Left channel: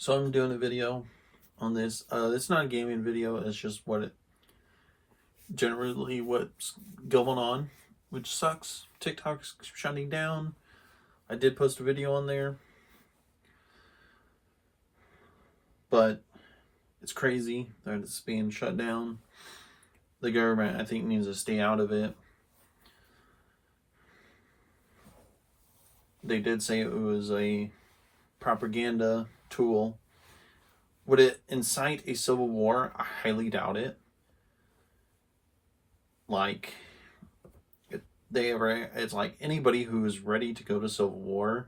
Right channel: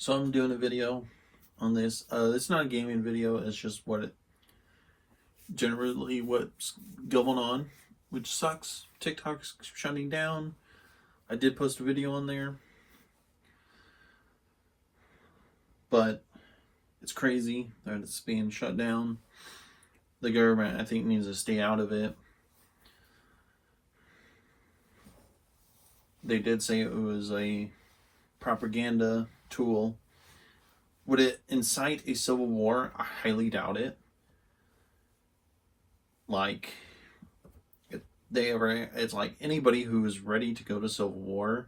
So I'm doing a video on this. It's not a gaming video. It's just what's going on, which sucks. TikTok's shutting down. I did post a video on there, but it's crazy that it's being shut down. The government, I think, needs to stay out of it. They did say it was a propaganda tool. Would it incite a civil war? I highly doubt it. Like, it's like anybody who is ready to go to civil war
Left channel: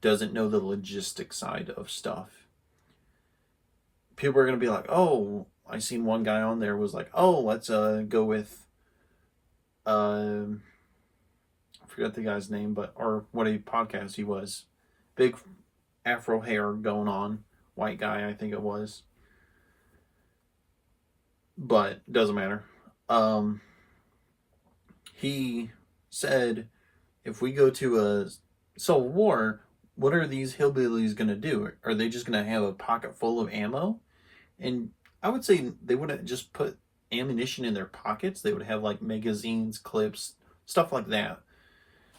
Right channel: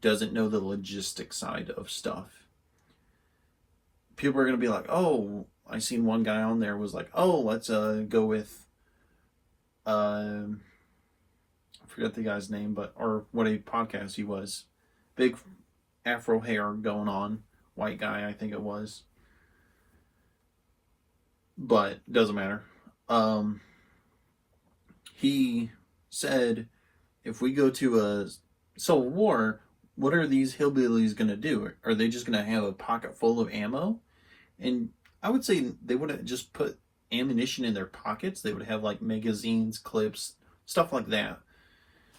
doesn't know the logistic side of stuff. People are going to be like, oh, I seen one guy on there was like, oh, let's go with I forgot the guy's name, or what a podcast he was. Big afro hair going on, white guy, I think it was. But doesn't matter. He said, if we go to a civil war, what are these hillbillies going to do? Are they just going to have a pocket full of ammo? And I would say they wouldn't just put ammunition in their pockets. They would have like magazines, clips, stuff like that.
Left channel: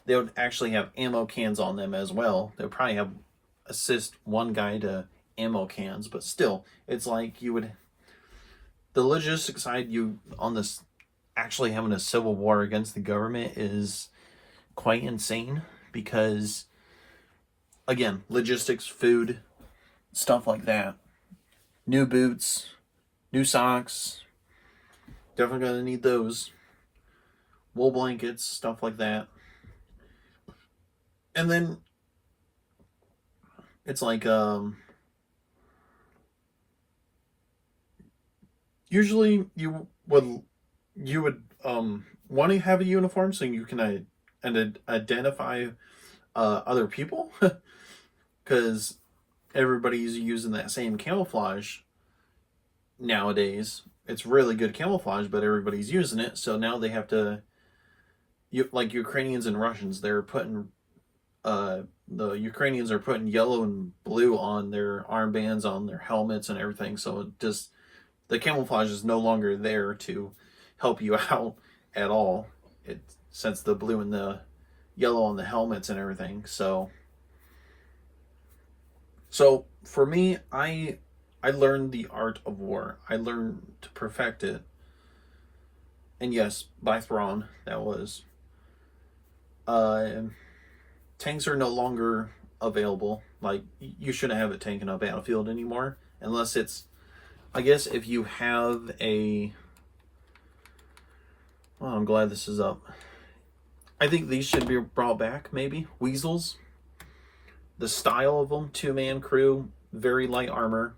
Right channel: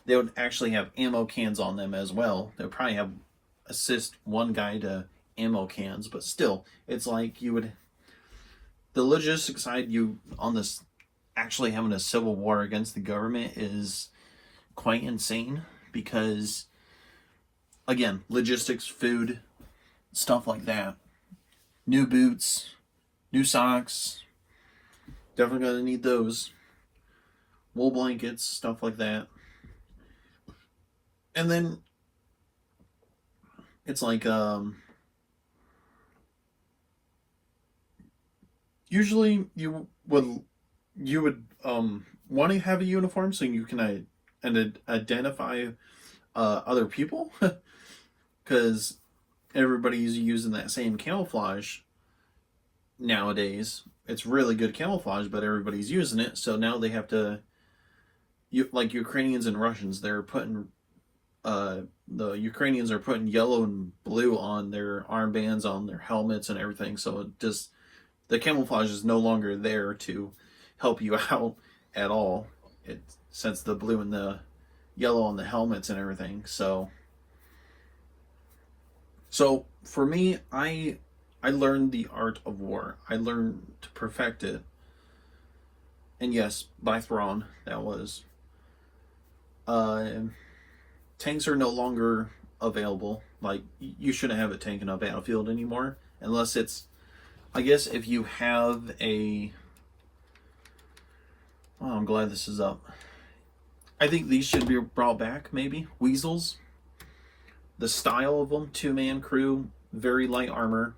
They would actually have ammo cans on them as well. They would probably assist one guy to ammo cans, but still, it's like the logistic side on this actually having a civil war against the government is quite insane because, again, logistics, food, stuff like that. New boots, new socks, definitely gonna need those. Wool blankets, stuff like that. And then it's like usually you would want to have a uniform so you can identify other people because everybody's using that same camouflage nowadays. It's really good camouflage, but everybody's using it, so now they have to, like Ukrainians and Russians, they're putting the Ukrainians are putting yellow and blue on their armbands, on their helmets and everything, so the camouflage is no longer there to help you out at all. Since the blue and the yellow on the helmets and everything. So for me, I learned the art of war. I learned to perfect it. And yes, by Thrawn, that was. Tanks are no longer available. Like, you shouldn't have a tank in a battlefield anymore. Unless it's, I guess if you have well, I'm glad this is up. I think these should be brought back, maybe. Weasels. The style of them, 2-man crew, very light armor.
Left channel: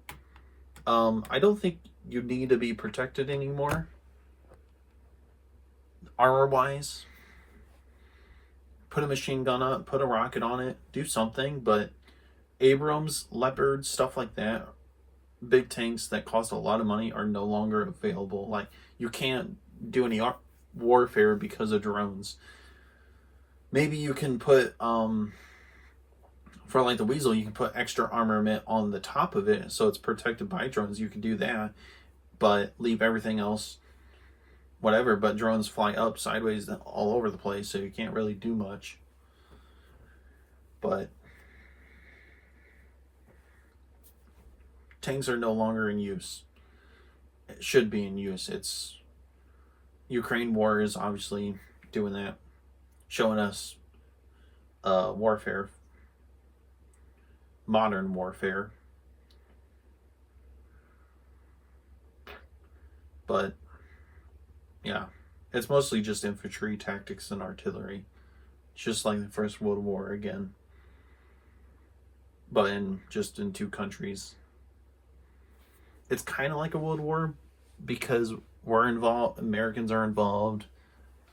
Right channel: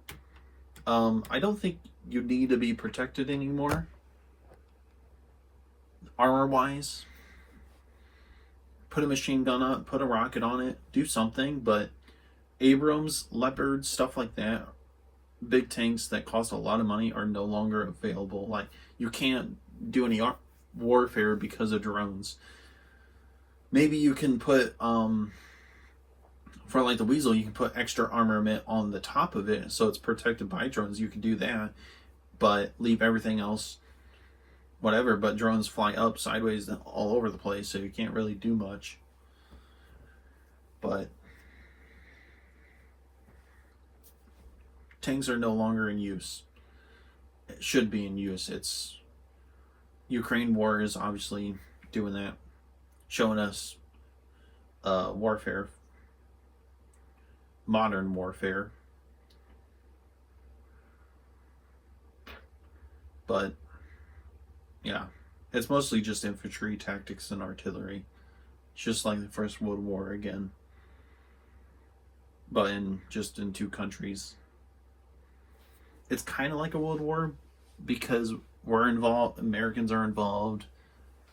I don't think you need to be protected anymore. Armor-wise. Put a machine gun on it, put a rocket on it, do something, but Abrams, Leopard, stuff like that, big tanks that cost a lot of money are no longer available. Like, you can't do any warfare because of drones. Maybe you can put for like the Weasel, you can put extra armament on the top of it so it's protected by drones. You can do that, but leave everything else whatever. But drones fly up, sideways, all over the place, so you can't really do much. But tanks are no longer in use. It should be in use. It's Ukraine war is obviously doing that, showing us warfare, modern warfare. But yeah, it's mostly just infantry, tactics, and artillery, just like the First World War again, but in 2 countries. It's kind of like a world war because we're involved, Americans are involved,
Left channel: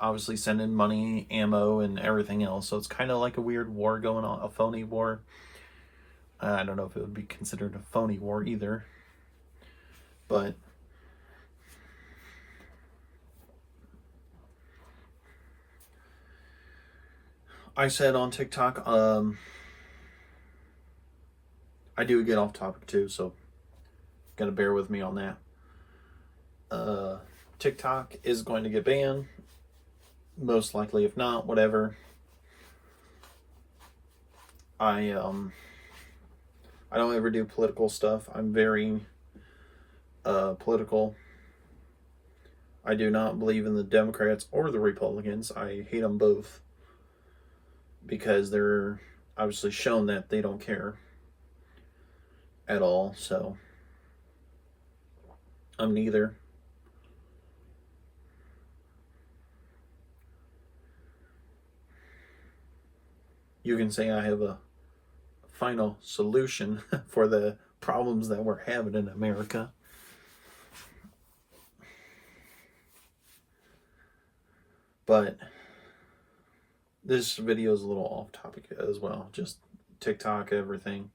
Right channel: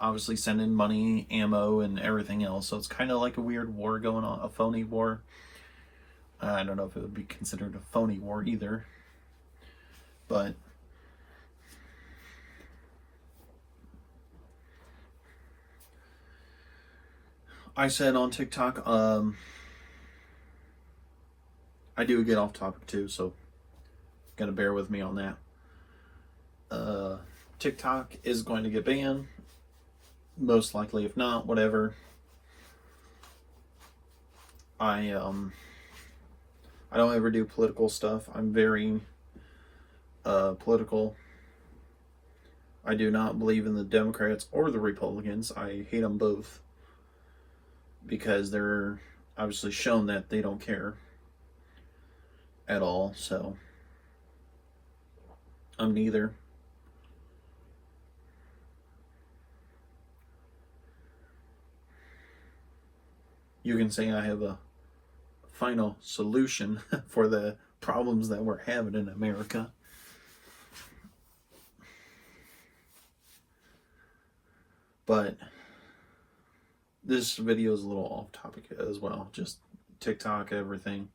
obviously sending money, ammo, and everything else. So it's kind of like a weird war going on, a phony war. I don't know if it would be considered a phony war either. But I said on TikTok, I do get off topic too, so gotta bear with me on that. TikTok is going to get banned, most likely. If not, whatever. I don't ever do political stuff. I'm very political. I do not believe in the Democrats or the Republicans. I hate them both because they're obviously shown that they don't care at all. So I'm neither. You can say I have a final solution for the problems that we're having in America. But this video is a little off topic as well, just TikTok, everything.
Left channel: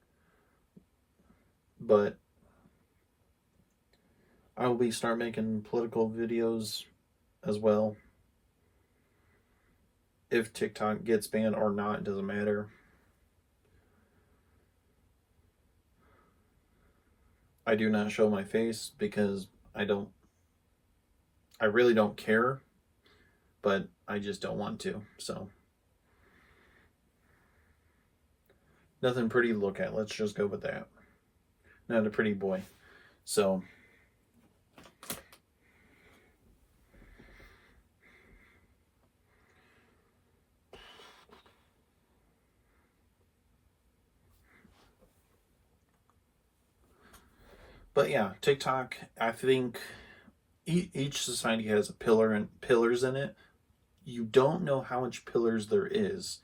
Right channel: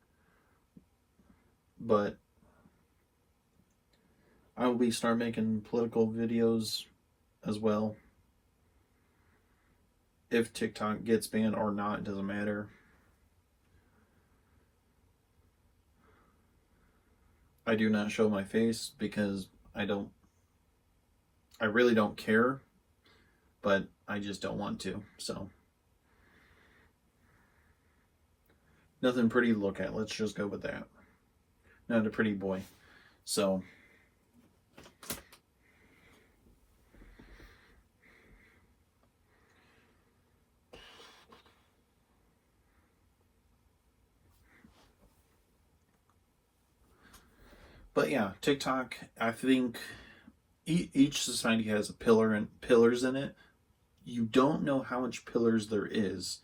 But I will start making political videos as well. If TikTok gets banned or not, it doesn't matter. I do not show my face because I really don't care, but I just don't want to. So nothing pretty to look at. Let's just go with that. Not a pretty boy. So but yeah, TikTok, I think each society has a pillar and pillars in it. You don't know how much pillars there is.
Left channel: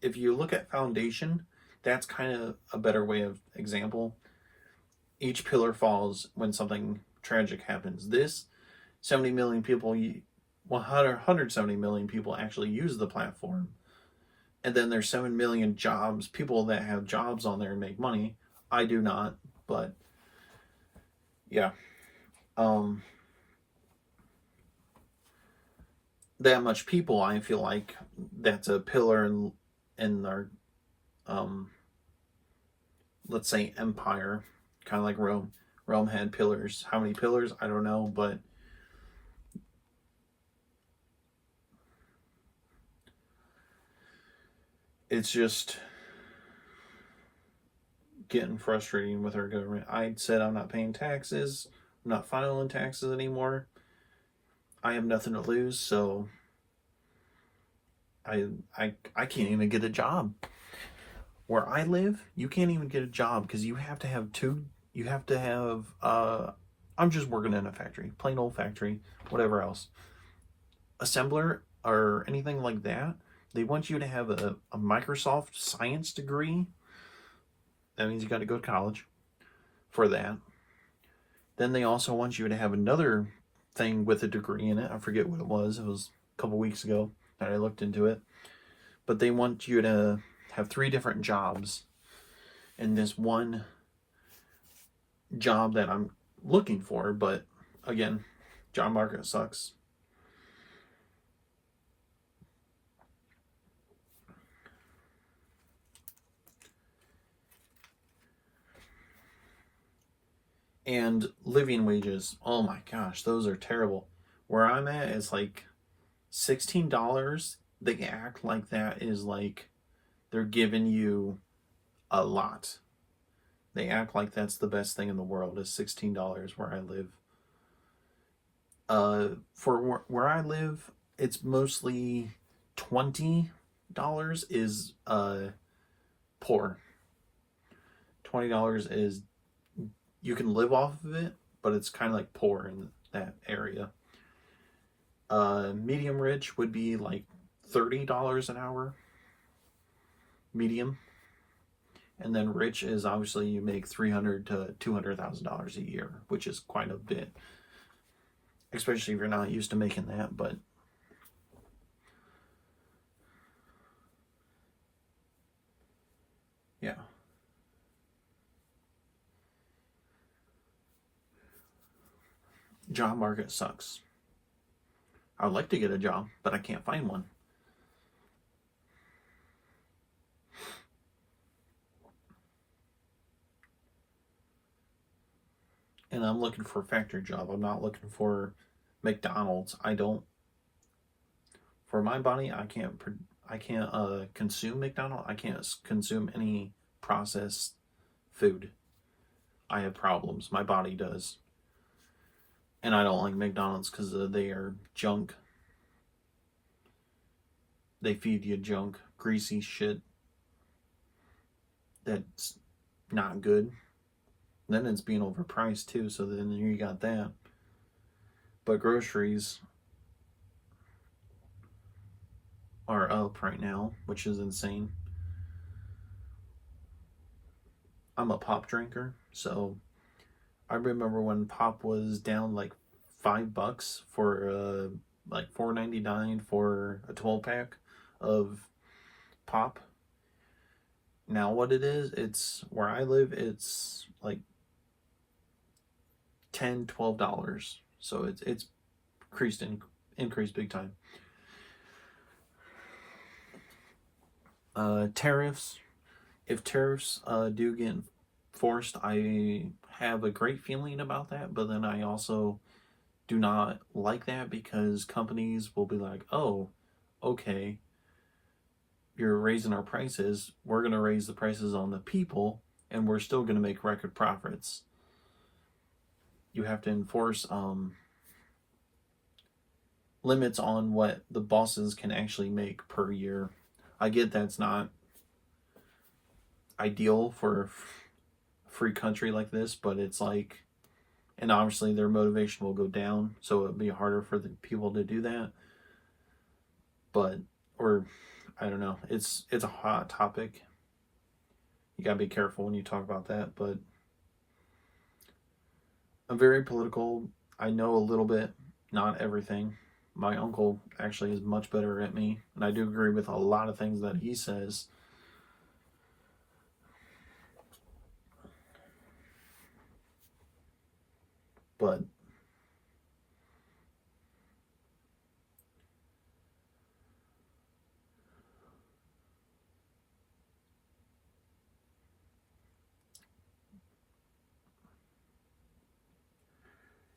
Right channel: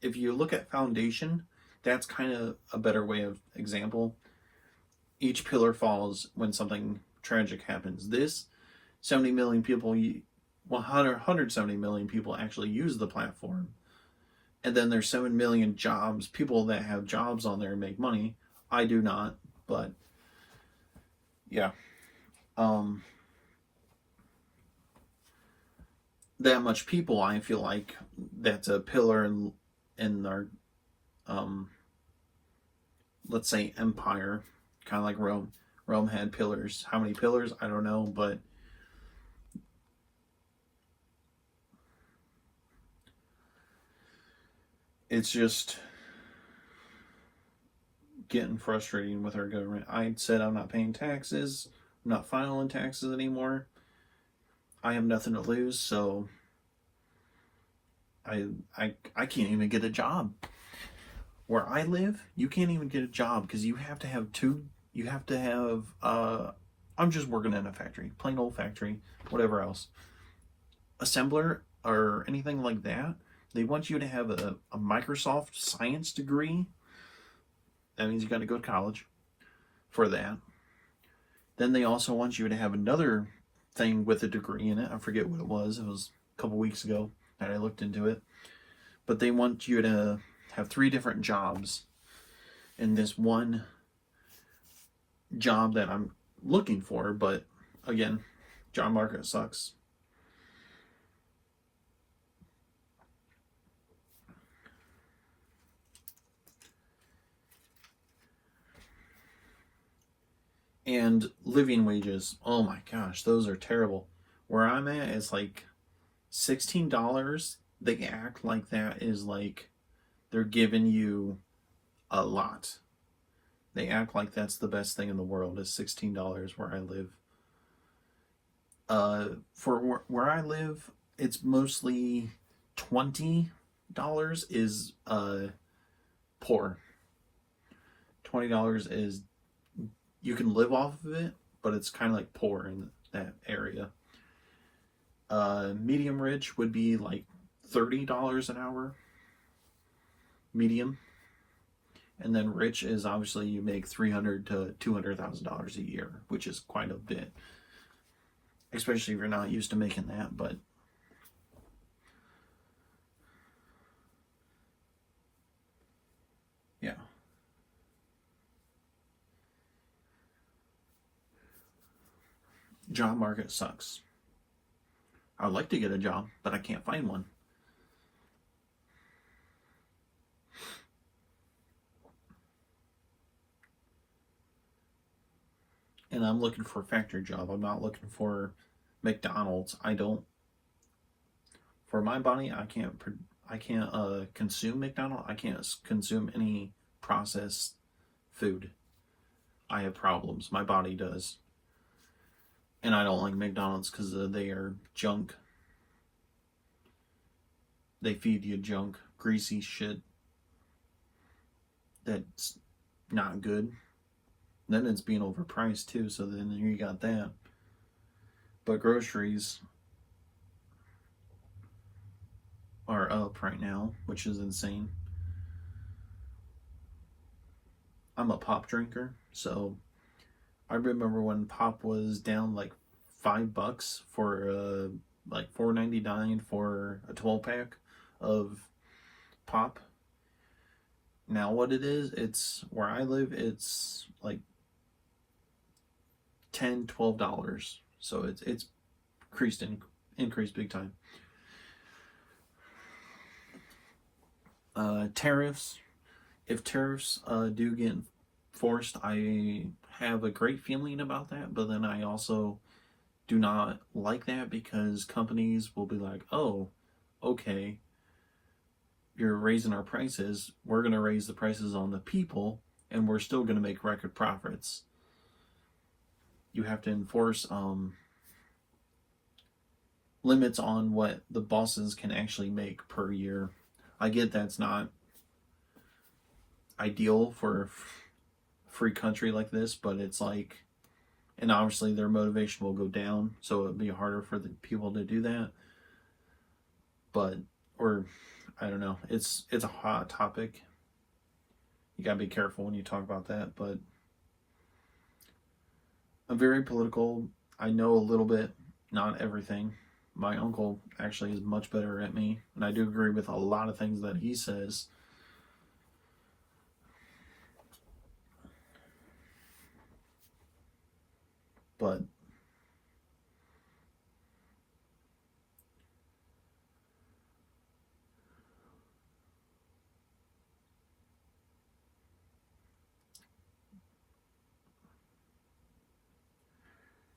If you look at foundation, that's kind of a better way of example. Each pillar falls when something tragic happens. This 70 million people, 170 million people actually use the platform. And then there's 7 million jobs, people that have jobs on there and make money. I do not, but yeah. That much people, I feel like that's a pillar in our let's say empire, kind of like Rome. Rome had pillars. How many pillars? I don't know, but it's just getting frustrating with our government. I said I'm not paying taxes. I'm not filing taxes anymore. I have nothing to lose, so I can't even get a job. Where I live, you can't even get a job because you have to have I'm just working in a factory, plain old factory, whatever else. Assembler or anything like that, they want you to have a Microsoft science degree. That means you got to go to college for that. Then they also want you to have another thing with a degree in it. I forget what it was. It was a couple weeks ago that I looked into it. But they want you to have 3 different jobs in this one job that I'm looking for. But again, job market sucks. And living wages, oh my gosh, those are terrible. Where I'm at is like $16. They act like that is like they're giving you a lot. They act like that's the best thing in the world is $16 where I live. For where I live, it's mostly $20 is poor. $20 is you can live off of it, but it's kind of like poor in that area. Medium rich would be like $30 an hour. Medium. And then rich is obviously you make $300,000 to $200,000 a year, which is quite a bit, especially if you're not used to making that. But yeah, job market sucks. I would like to get a job, but I can't find one. and I'm looking for a factory job. I'm not looking for McDonald's. I don't. For my body, I can't consume McDonald's. I can't consume any processed food. I have problems. My body does, and I don't like McDonald's because they are junk. They feed you junk, greasy shit that's not good. Then it's being overpriced too, so then you got that. But groceries are up right now, which is insane. I'm a pop drinker, so I remember when pop was down like $5 for like $4.99 for a 12 pack of pop. Now what it is, it's where I live, it's like $10, $12. So it's increased big time. Tariffs. If tariffs do get forced, I have a great feeling about that, but then I also do not like that because companies will be like, oh, okay, you're raising our prices. We're going to raise the prices on the people, and we're still going to make record profits. You have to enforce limits on what the bosses can actually make per year. I get that's not ideal for a free country like this, but it's like, and obviously their motivation will go down, so it'd be harder for the people to do that. But, or I don't know, it's a hot topic. You gotta be careful when you talk about that, but I'm very political. I know a little bit, not everything. My uncle actually is much better at me, and I do agree with a lot of things that he says. But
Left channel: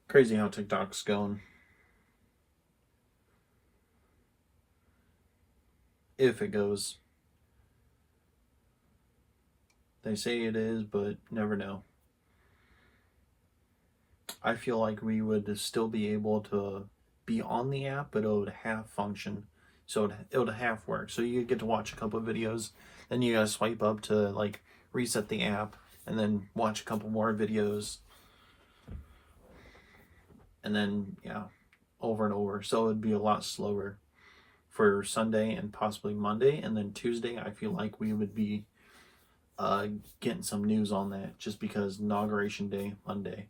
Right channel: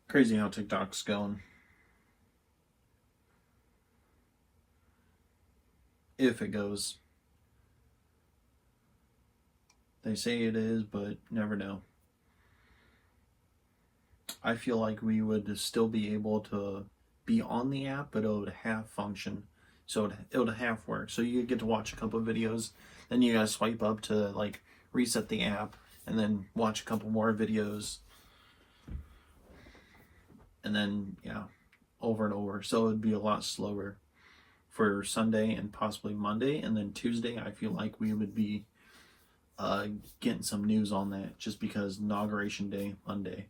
crazy how TikTok's going. If it goes. They say it is, but never know. I feel like we would still be able to be on the app, but it would half function. So it would half work. So you get to watch a couple of videos, then you gotta swipe up to like reset the app, and then watch a couple more videos, and then yeah, over and over. So it would be a lot slower for Sunday and possibly Monday, and then Tuesday. I feel like we would be getting some news on that just because inauguration day Monday.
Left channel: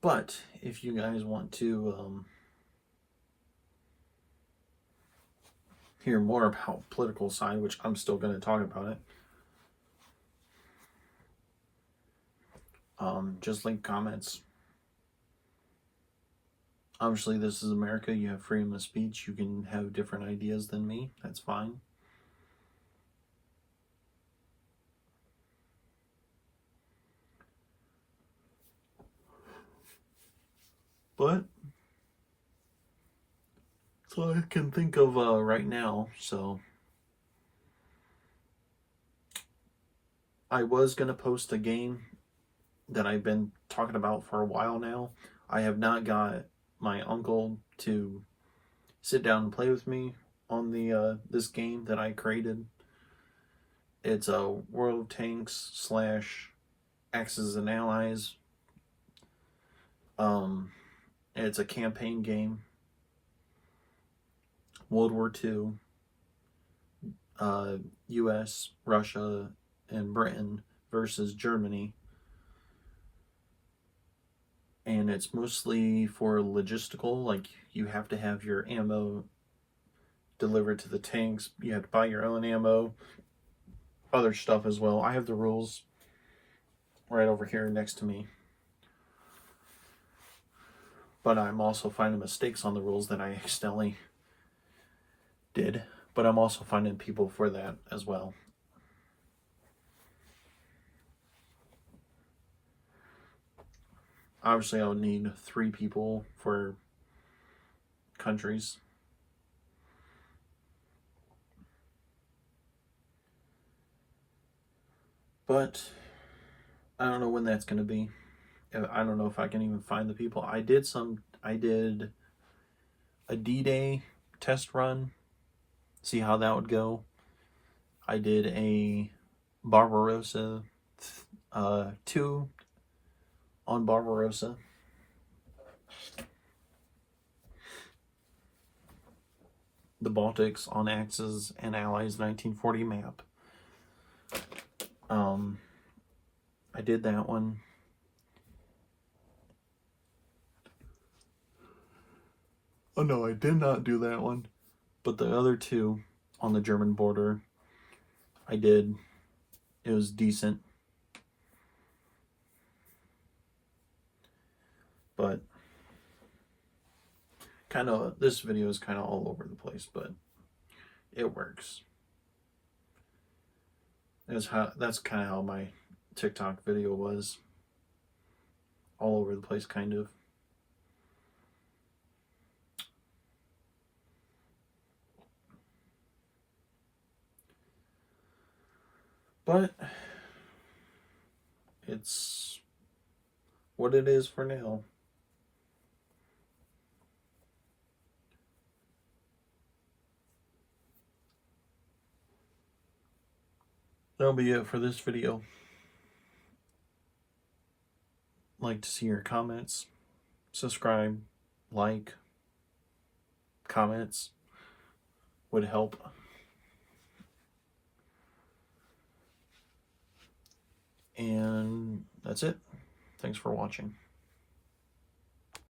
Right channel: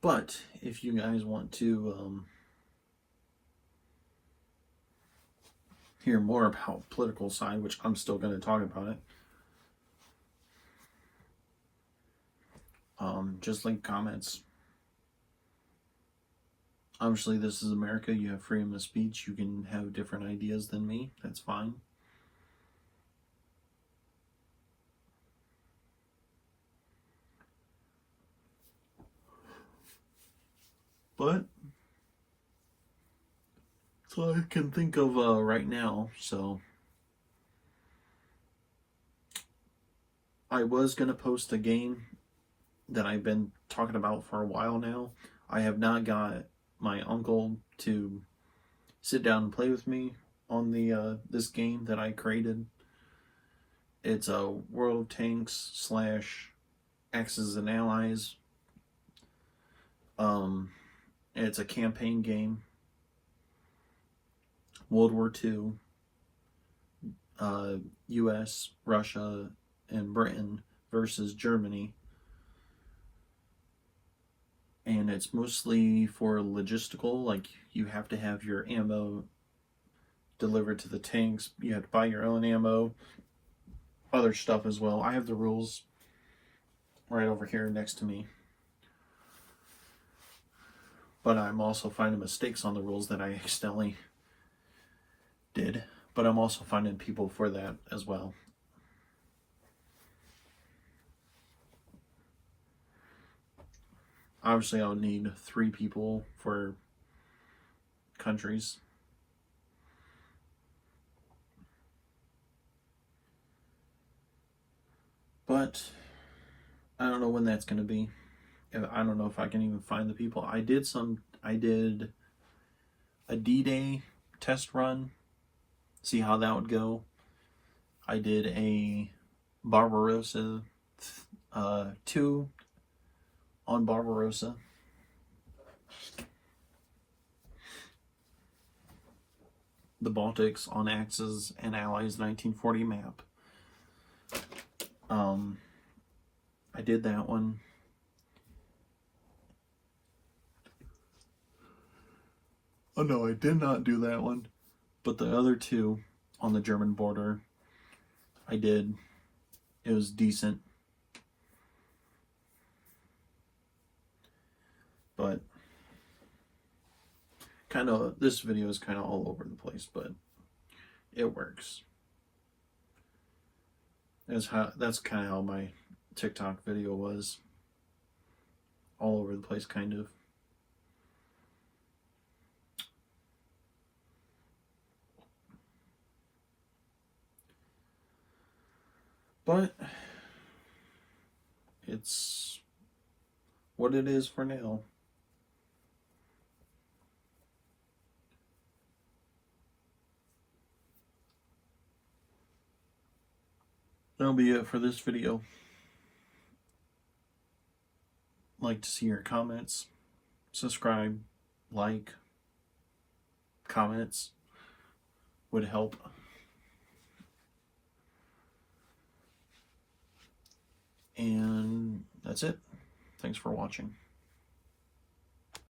But if you guys want to hear more about political side, which I'm still going to talk about it, just link comments. Obviously, this is America. You have freedom of speech. You can have different ideas than me. That's fine. But that's all I can think of right now. So I was going to post a game that I've been talking about for a while now. I have not got my uncle to sit down and play with me on the this game that I created. It's a World of Tanks slash Axis and Allies. It's a campaign game. World War II, U.S., Russia, and Britain versus Germany. And it's mostly for logistical, like you have to have your ammo delivered to the tanks. You have to buy your own ammo, other stuff as well. I have the rules right over here next to me. but I'm also finding mistakes on the rules that I accidentally did. But I'm also finding people for that as well. Obviously, I would need 3 people for countries. But I don't know when that's going to be. I don't know if I can even find the people. I did a D-Day test run, see how that would go. I did a Barbarossa 2 on Barbarossa. The Baltics on Axis and Allies 1940 map. I did that one. Oh no, I did not do that one. But the other 2 on the German border, I did. It was decent. But this video is kind of all over the place, but it works. That's kind of how my TikTok video was. All over the place, kind of. But it's what it is for now. That'll be it for this video. Like to see your comments, subscribe, like, comments would help. And that's it. Thanks for watching.